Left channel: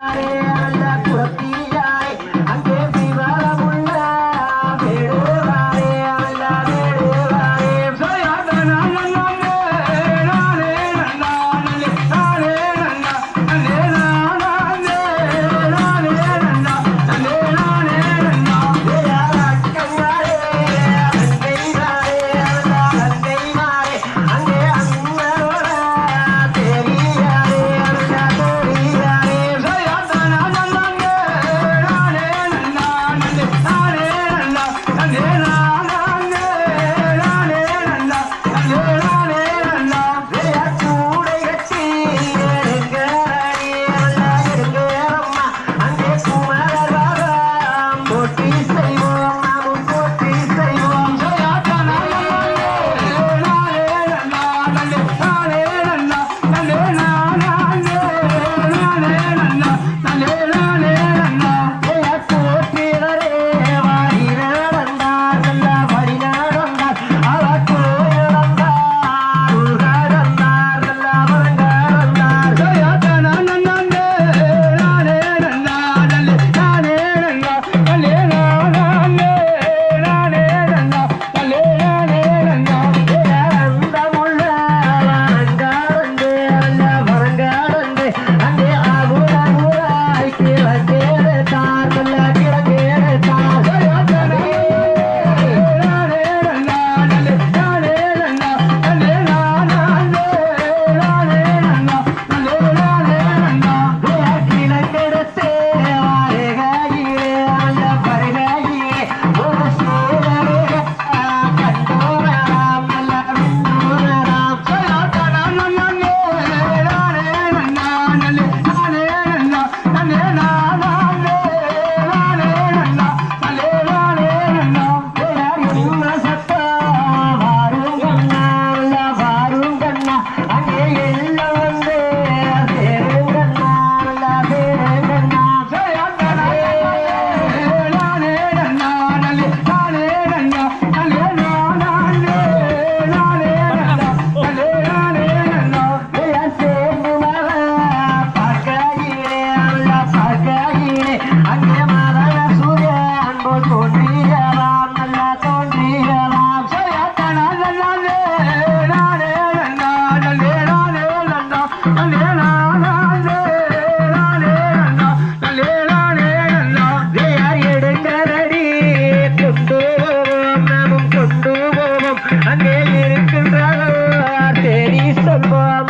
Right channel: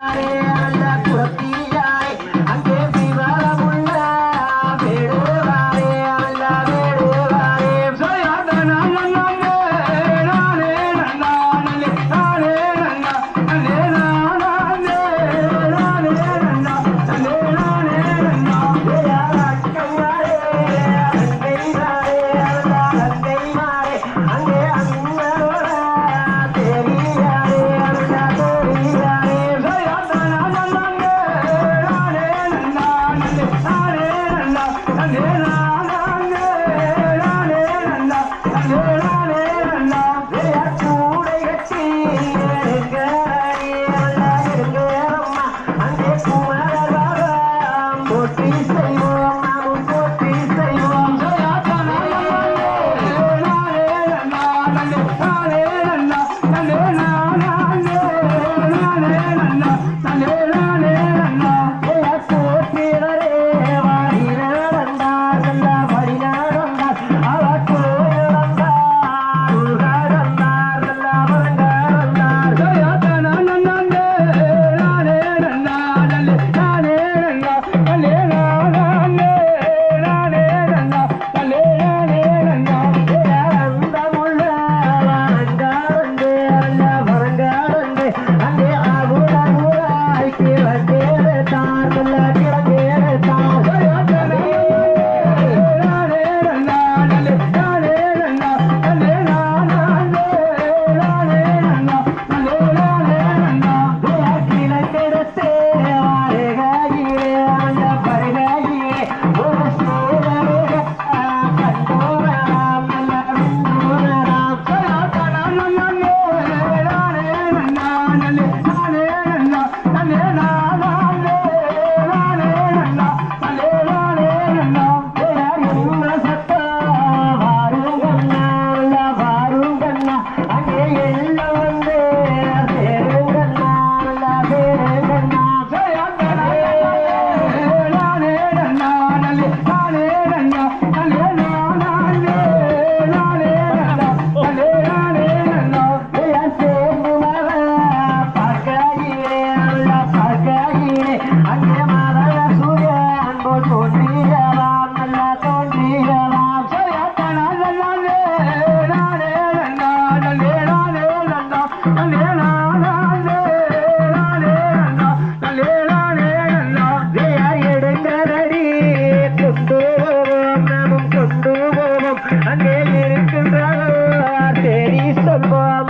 Allah vuelvo